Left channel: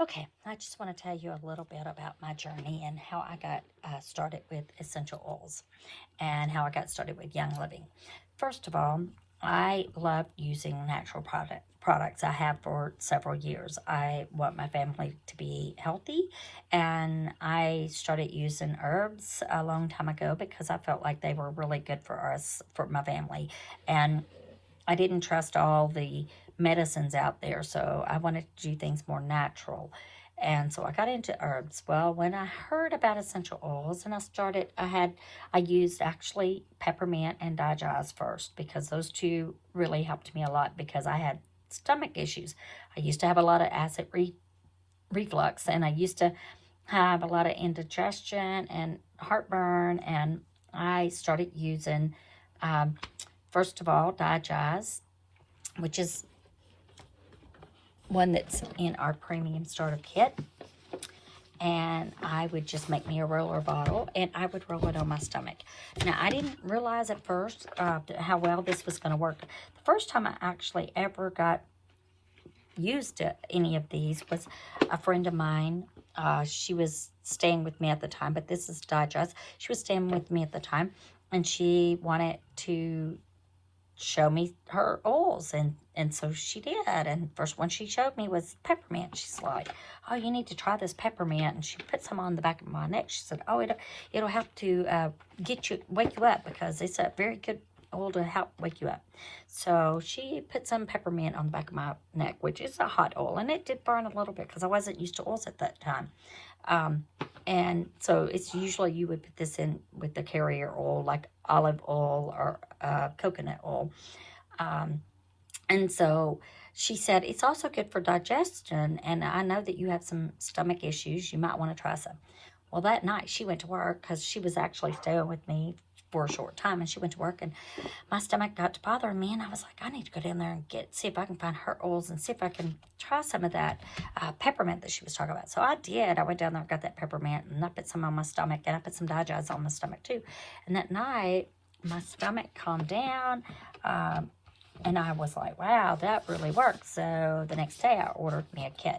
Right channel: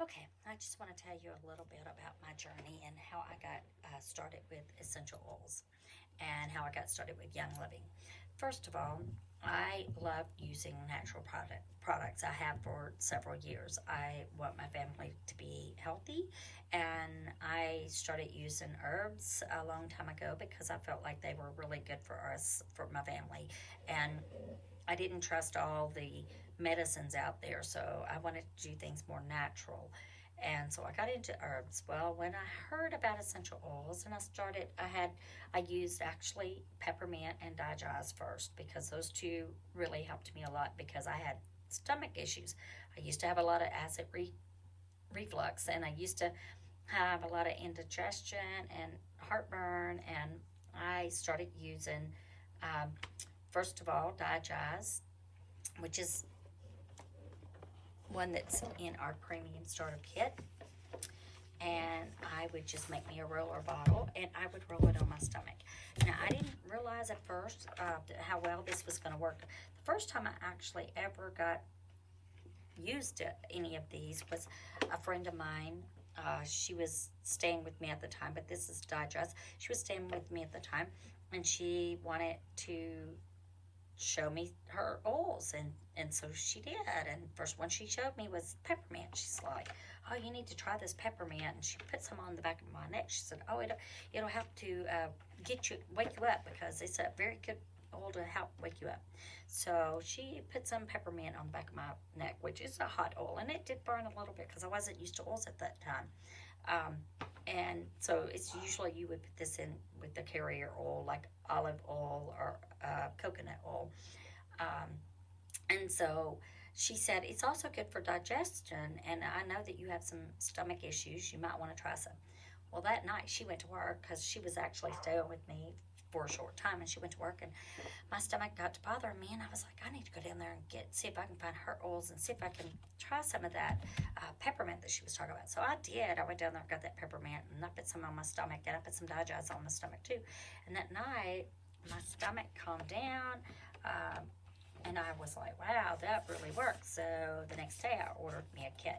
Okay, I just want to tell you a little bit about my journey and how I got started with essential oils and how I got started with Young Living. First of all, I love using natural products. I have for several years. I want my family to be healthy, and I started using herbs a long time ago because I felt like they were really good for us, for my family, and I didn't trust all the medicines out there, so I wanted to do things more natural. And so I got into herbs. Well, when I heard about essential oils and I used actually peppermint and digest first because those two really helped me a lot because I had stomach issues. I used to have a lot of reflux, and I used to have a lot of indigestion and heartburn, and I started using, um, first of all, digest, which is one that's in our premium starter kit. And I would just make me a roller bottle and I would roll it on my stomach. Now, I didn't realize at first how well this was going to work. The first time I actually ever got used any of these was a friend of mine. She was staying with me at the time, but this is Digest. She was staying with me at the time, and she wanted to show me her oils, and so she did. And first one she showed me was peppermint. She's like, oh, you need to try this peppermint. And she put some on the back of my neck. She said, oh, it'll help to wake you up, because it's a very good oil to help wake you up. So she put some peppermint on the back of my neck, which is a hot oil, and it did burn a little bit because I wasn't used to oils at that time. um, and so it's usually you would put this in with the carrier oil, like olive oil or coconut oil. Um, and so she said, it's also good for digestion. And I know that you have some stomach issues. You might want to try some. Well, that night she went to work because she was actually staying with me for a short time. And she went to work, and my stomach got to bothering me. And I was like, I need to go down there and see if I can find her oils and see if I can try some of that peppermint that she was talking about. So I did. I went down there and got that peppermint, and I put some on my stomach, and I put some digest on my stomach too. And that night, my stomach calmed down. And I was like, wow, that really works. So the next day I ordered me a kit.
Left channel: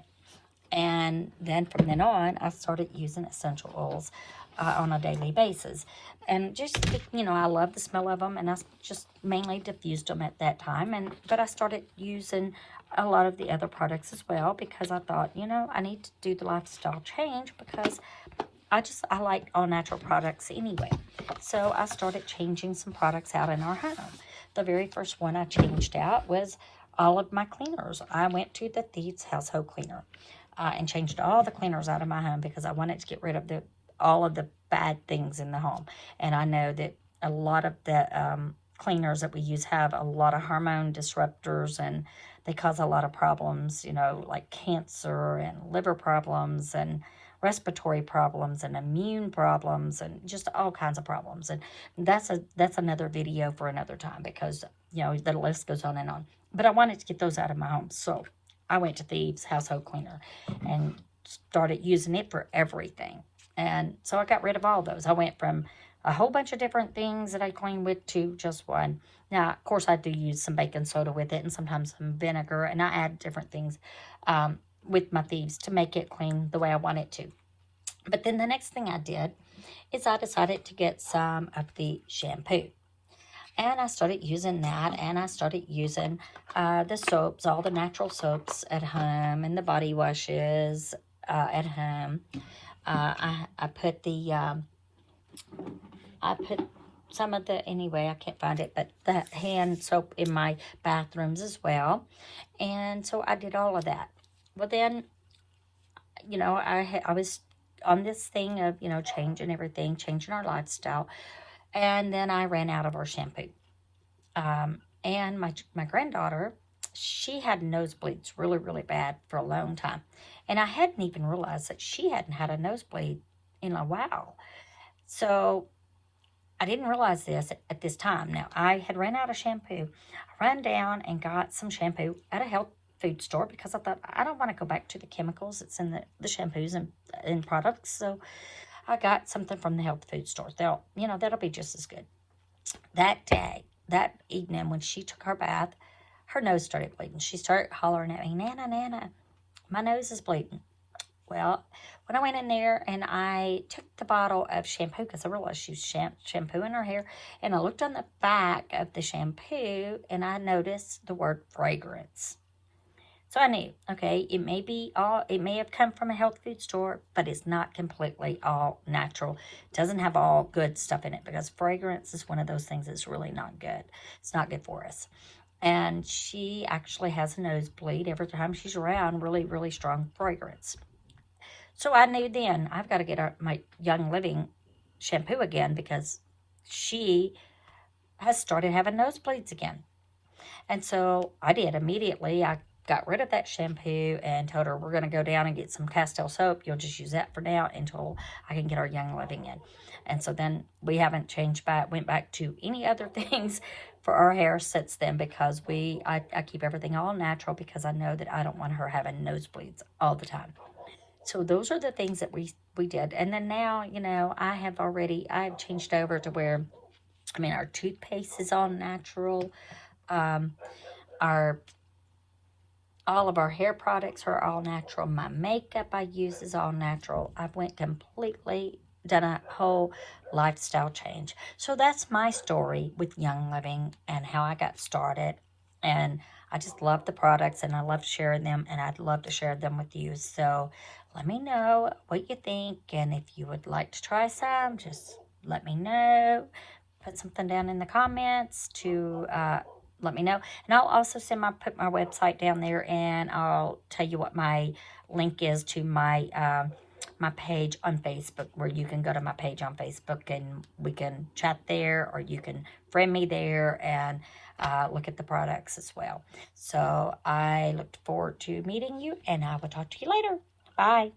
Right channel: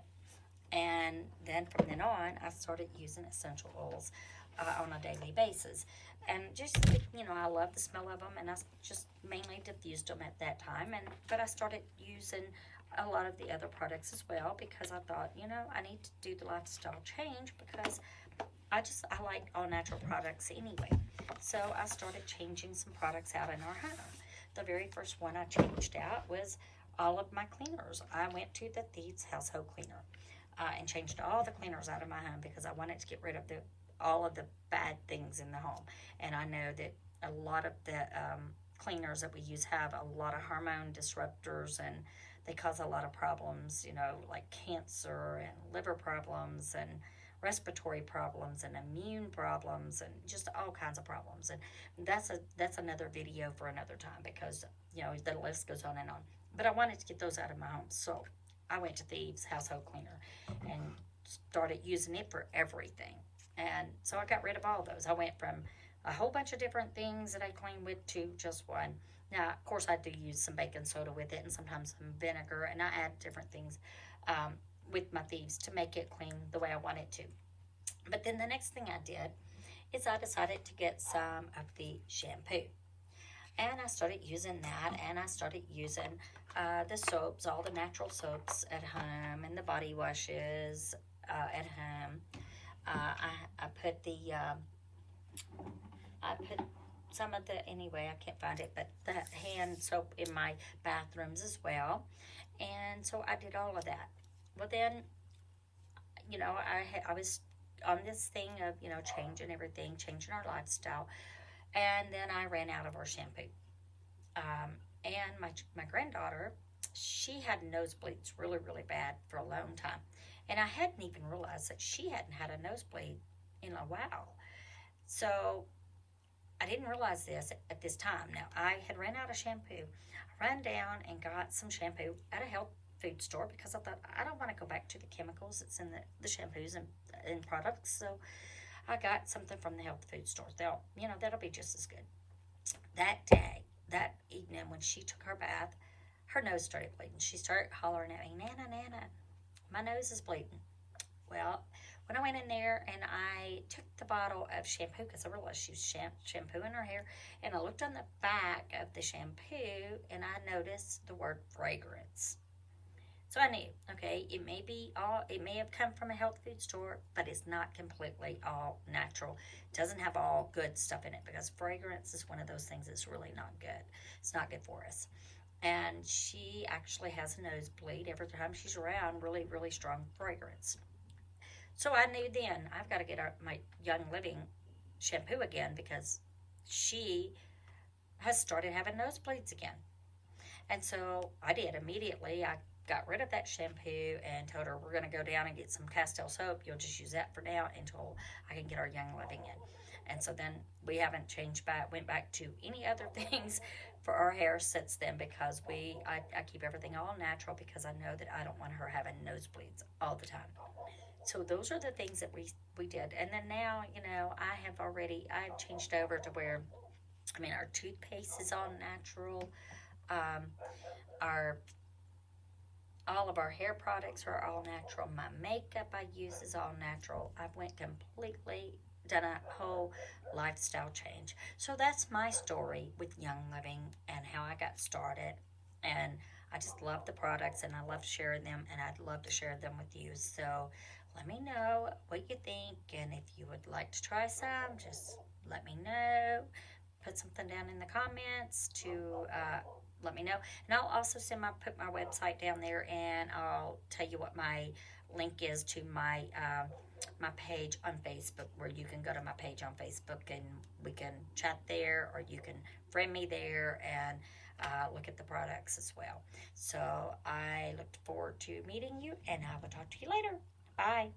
And then from then on, I started using essential oils on a daily basis. And just, I love the smell of them, and I just mainly diffused them at that time. But I started using a lot of the other products as well because I thought, I need to do the lifestyle change because I like all natural products anyway. So I started changing some products out in our home. The very first one I changed out was all of my cleaners. I went to the Thieves Household Cleaner and changed all the cleaners out of my home because I wanted to get rid of all of the bad things in the home. And I know that a lot of the cleaners that we use have a lot of hormone disruptors, and they cause a lot of problems, like cancer and liver problems and respiratory problems and immune problems and just all kinds of problems. And that's another video for another time because the list goes on and on. But I wanted to get those out of my home, so I went to Thieves Household Cleaner and started using it for everything. And so I got rid of all those. I went from a whole bunch of different things that I clean with to just one. Now, of course, I do use some baking soda with it and sometimes some vinegar, and I add different things with my Thieves to make it clean the way I want it to. But then the next thing I did is I decided to get some of the shampoo. And I started using that, and I started using the soaps, all the natural soaps at home, and the body washes at home. I put some of the, anyway, I can't find it, but the hand soap in my bathrooms as well. And so I did all of that. Well, then, I was on this thing of, changing everything, changing our lifestyle. And then I ran out of our shampoo. And my granddaughter, she had nosebleeds really, really bad for a long time. And I hadn't even realized that she hadn't had a nosebleed in a while. So I didn't realize this at this time. Now, I had ran out of shampoo. I ran down and got some shampoo at a health food store because I thought, I don't want to go back to the chemicals that's in the shampoos and products. So I got something from the health food store. That'll be just as good. That evening when she took her bath, her nose started bleeding. She started hollering at me, Nana, Nana, my nose is bleeding. Well, when I went in there and I took the bottle of shampoo, because I realized she was shampooing her hair, and I looked on the back of the shampoo and I noticed the word fragrance. So I knew, okay, it may have come from a health food store, but it's not completely all natural. It doesn't have all good stuff in it, because fragrance is one of those things that's really not good. It's not good for us. And she actually has a nosebleed every time she's around really, really strong fragrance. So I knew then I've got to get my Young Living shampoo again, because she has started having nosebleeds again. And so I did immediately. I got rid of that shampoo and told her, we're going to go down and get some Castile soap. You'll just use that for now until I can get our Young Living in. And so then we haven't went back to any other things for our hair since then, because I keep everything all natural, because I know that I don't want her having nosebleeds all the time. So those are the things that we did. And then now, I've changed over to where, our toothpaste is all natural. Um, our all of our hair products are all natural. My makeup I use is all natural. I've done a whole lifestyle change. So that's my story with Young Living and how I got started. And I just love the products and I love sharing them, and I'd love to share them with you. So let me know what you think, and if you would like to try some, just let me know. Put something down in the comments to let me know. And I'll also put my website down there, and I'll tell you what my link is to my my page on Facebook, where you can go to my page on Facebook and we can chat there, or you can friend me there and look at the products as well. So I look forward to meeting you, and I will talk to you later. Bye.